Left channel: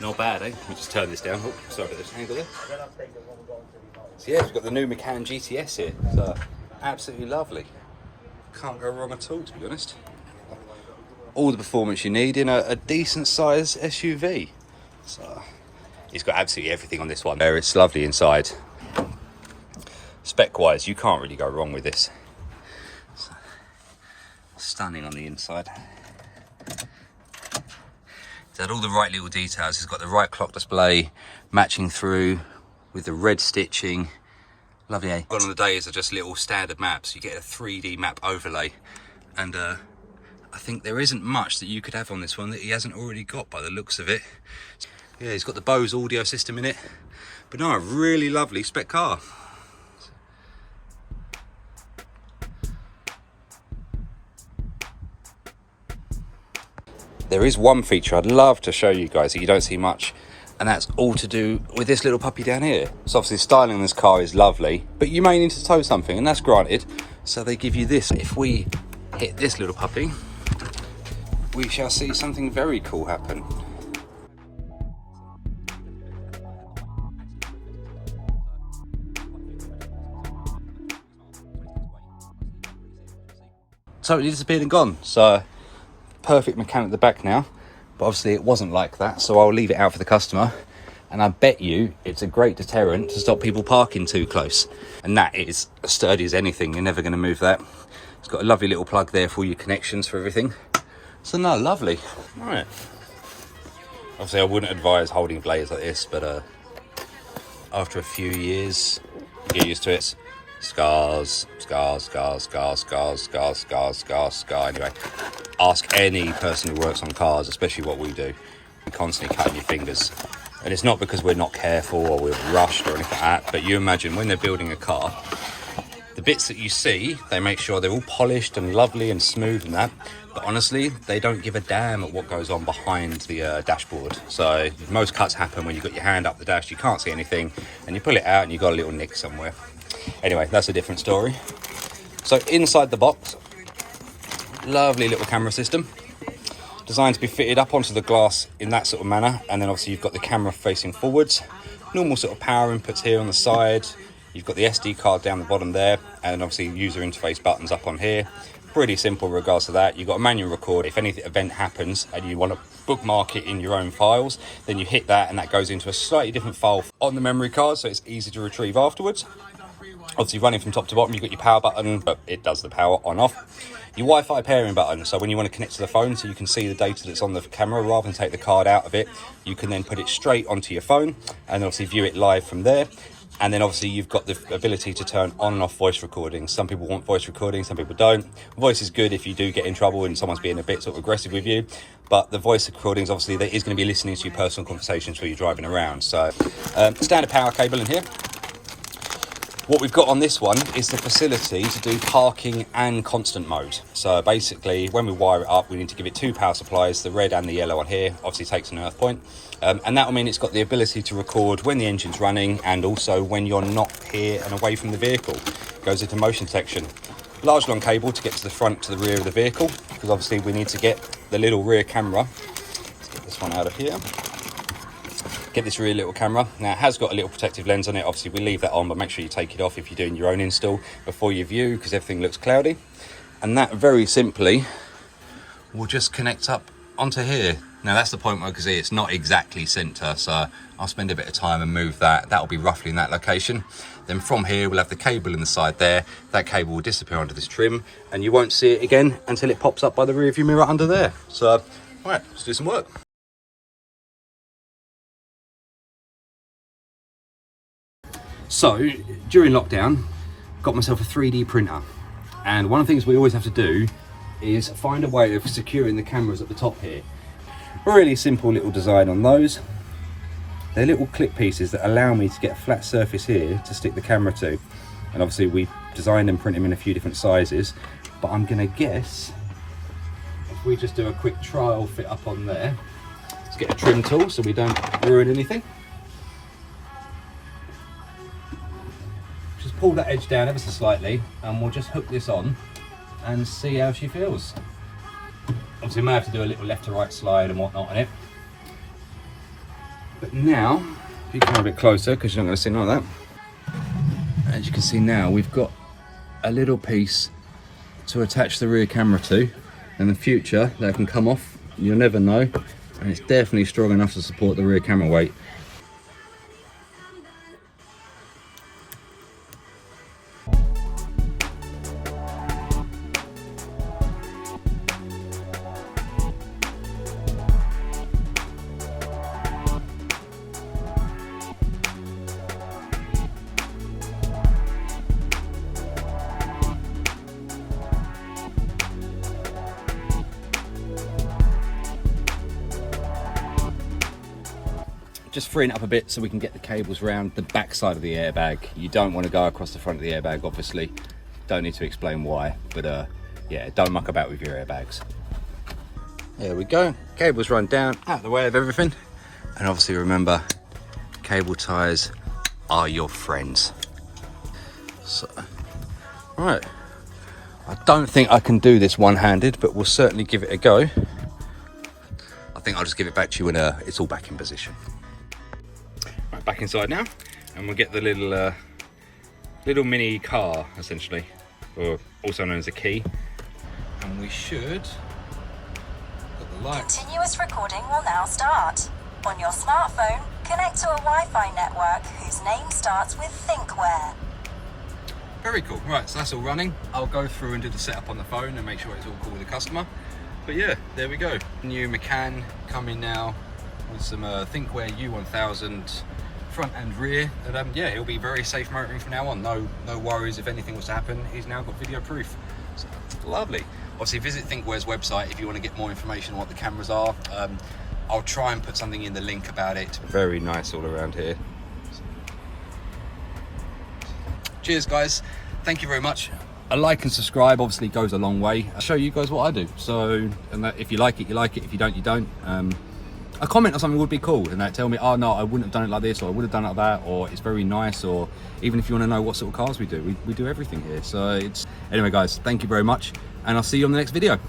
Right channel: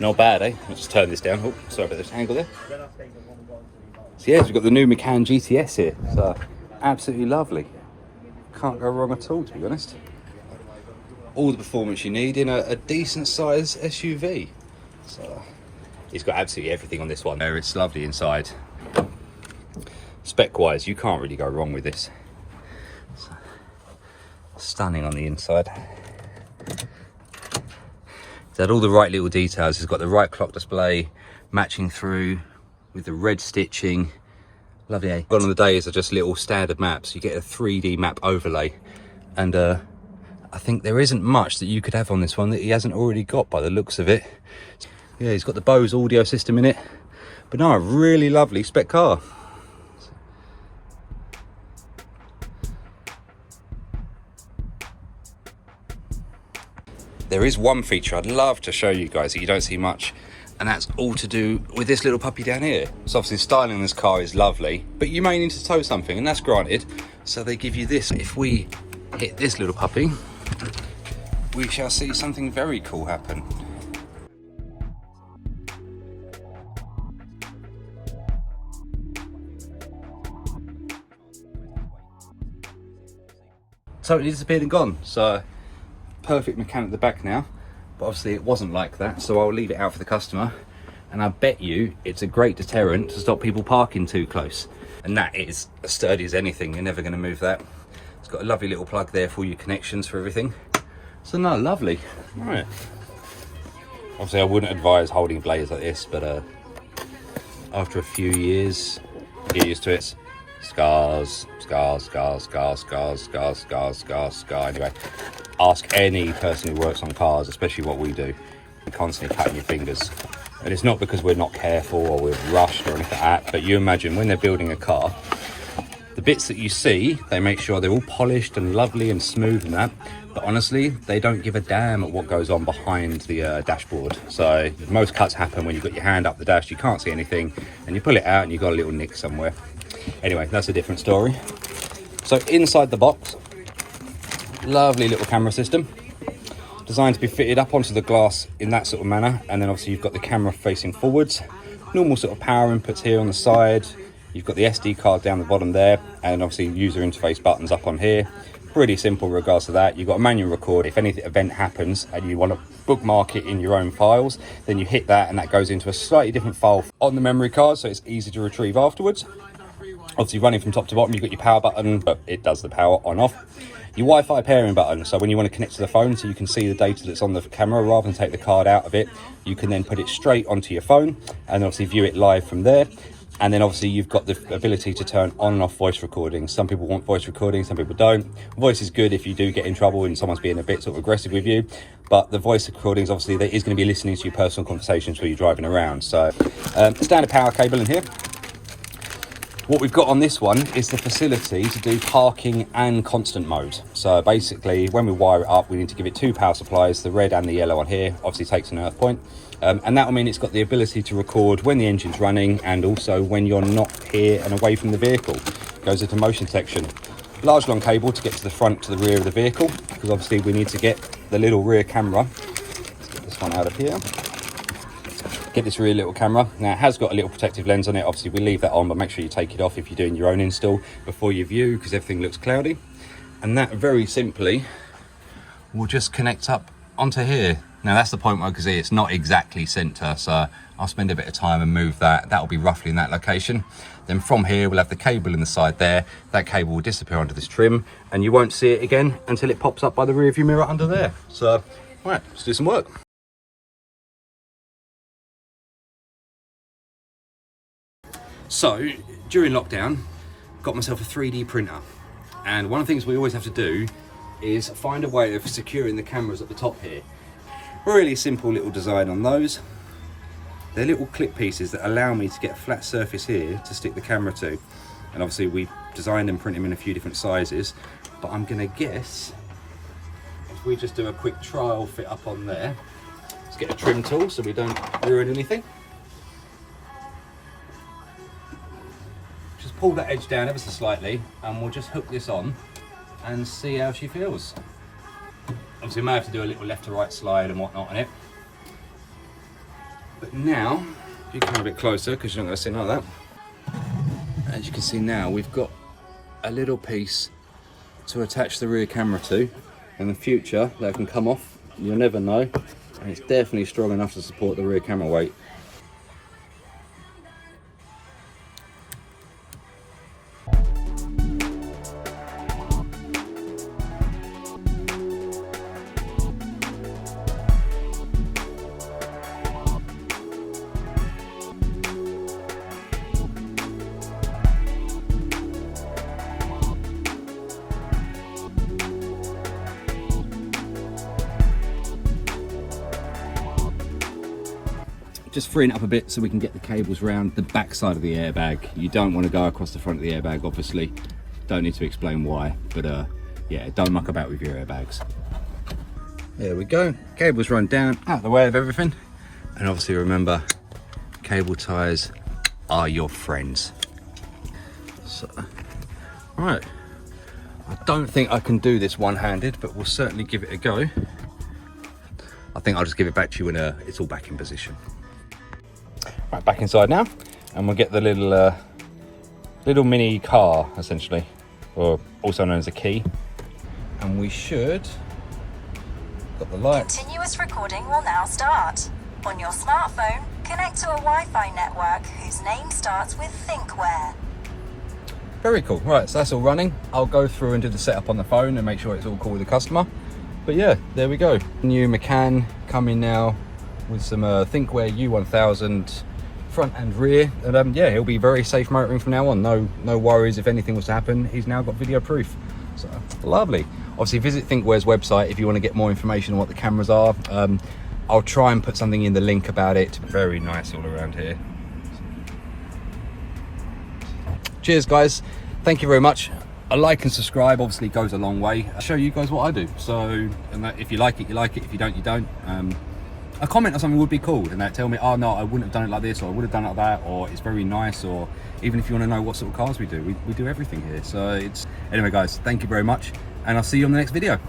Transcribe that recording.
Not bad, eh? I'll just turn this down. Oh, sorry about this angle there. So yeah, we've got the new Macan GTS here. So absolutely lovely. Can't go wrong at all, to be honest. All the performance you need in a decent size SUV. So it's got absolutely everything on this one. It's lovely inside. Spec wise, you can't really go wrong with this. So, stunning on the inside. It's had all the right little details. It's got the right clock display matching through with the red stitching. Lovely, eh? Gone on the days are just little standard maps. You get a 3D map overlay, and I think there isn't much that you could have on this one that he hasn't already got by the looks of it. Yeah, he's got the Bose audio system in it, but no, a really lovely spec car. There is one feature I'd love to show you guys that you don't see much, and that's all to do with this little puppy down here. So obviously the styling on this car is lovely, but you may need to tow something, and that's granted. So they give you this. If we hit this little puppy, we shall see something very cool happen. Totally disappeared and gone. So perfect mechanic at the back now, but obviously it wasn't like that, so I'll leave it out for the customer, and I bet you it's a great deterrent to stop people parking too close. And that is as sturdy as anything. You're never going to move that. It's got a lovely little plug there for all your connections for everything. So no, lovely. All right, obviously I wouldn't advise holding blades like this, but after a few years you get used to it. Scars. Anyway, ask any person who works on cars, especially what we do. You're constantly cutting your fingers, and it's not because we're not careful or we're rushed or anything like that, but you imagine when they're building a car, the bits that you see, they make sure they're all polished and lovely and smooth and that, but honestly they don't give a damn at what goes on behind the dashboard. So most cuts happen when you've got your hand up the dash, you can't see anything, and you pull it out and you've got a little nick somewhere. Anyway, that's a different story. So inside the box, lovely little camera system, designed to be fitted up onto the glass in that sort of manner, and then obviously you've got the camera facing forwards, normal sort of power inputs here on the side, you've got the SD card down the bottom there, and obviously user interface buttons up on here. Pretty simple in regards to that. You've got a manual record. If any event happens and you want to bookmark it in your own files, then you hit that and that goes into a slightly different file on the memory card, so it's easy to retrieve afterwards. Obviously running from top to bottom, you've got your power button, but it does the power on off. Your Wi-Fi pairing button, so when you want to connect to the phone so you can see the data that's on the camera, rather than take the card out of it, you can then put it straight onto your phone and obviously view it live from there. And then obviously you've got the ability to turn on and off voice recording. Some people want voice recording, some people don't. Voice is good if you do get in trouble and someone's being a bit sort of aggressive with you, but the voice recordings, obviously there is going to be listening to your personal conversations while you're driving around. So standard power cable in here. What we've got on this one is the facility to do parking and constant mode. So basically, when we wire it up, we need to give it two power supplies, the red and the yellow on here, obviously takes an earth point. And that'll mean it's got the ability to record when the engine's running and also when you're not here and away from the vehicle. Goes into motion detection. Large long cable to get to the front to the rear of the vehicle, because obviously we need to get the little rear camera. Let's get this one out of here. Get this rear little camera. Now it has got a little protective lens on it, obviously we leave that on, but make sure you take it off if you're doing your own install before you view, because everything looks cloudy. And that very simply will just connect up onto here. Now that's the point where, because it's not exactly center, so I'll spend a bit of time and move that. That'll be roughly in that location. Then from here we'll have the cable in the side there. That cable will disappear under this trim and you won't see it again until it pops up by the rear view mirror under there. So all right, let's do some work. So during lockdown, got myself a 3D printer, and one of the things we always have to do is find a way of securing the cameras at the top here. Really simple little design on those. They're little clip pieces that allow me to get a flat surface here to stick the camera to, and obviously we designed and print them in a few different sizes, but I'm gonna guess if we just do a quick trial fit up on there, let's get a trim tool so we don't ruin anything. Just pull that edge down ever so slightly and we'll just hook this on and see how she feels. Obviously we may have to do a little left to right slide and whatnot on it. But now, if you come a bit closer, because you're not going to see none of that. As you can see now, we've got a little piece to attach the rear camera to. In the future, that can come off, you'll never know. And it's definitely strong enough to support the rear camera weight. Just freeing it up a bit so we can get the cables round the back side of the airbag. You don't want to go across the front of the airbag, obviously. Don't need to explain why, but yeah, don't muck about with your airbags. There we go, cables run down out of the way of everything. And obviously remember, cable ties are your friends. So, right, I don't think I can do this one-handed, but we'll certainly give it a go. I think I'll just give it back to you when it's all back in position. Right, back inside now, and we'll get the little mini car, essentially, or also known as a key. And we should got the light. Continuous recording will now start. On your smartphone, connect to a Wi-Fi network whose name starts with Thinkware. Very cool. Right, so that's all running. I'll go through and do the setup on the phone and make sure it's all cool with the customer. But yeah, there we go. New Macan coming now with some Thinkware U1000 front and rear, and yeah, he'll be very safe motoring from now on. No worries if anything was to happen. He's now got video proof, so lovely. Obviously visit Thinkware's website if you want to get more information on what the cameras are. I'll try and put something in the link about it. Very nice all around here. Cheers guys, thank you very much. A like and subscribe obviously goes a long way. I'll show you guys what I do, so and that, if you like it, you like it. If you don't, you don't. A comment or something would be cool, and tell me, oh no, I wouldn't have done it like this, or I would have done it like that, or it's very nice, or even if you want to know what sort of cars we do, we do everything here. So it's, anyway guys, thank you very much, and I'll see you on the next video.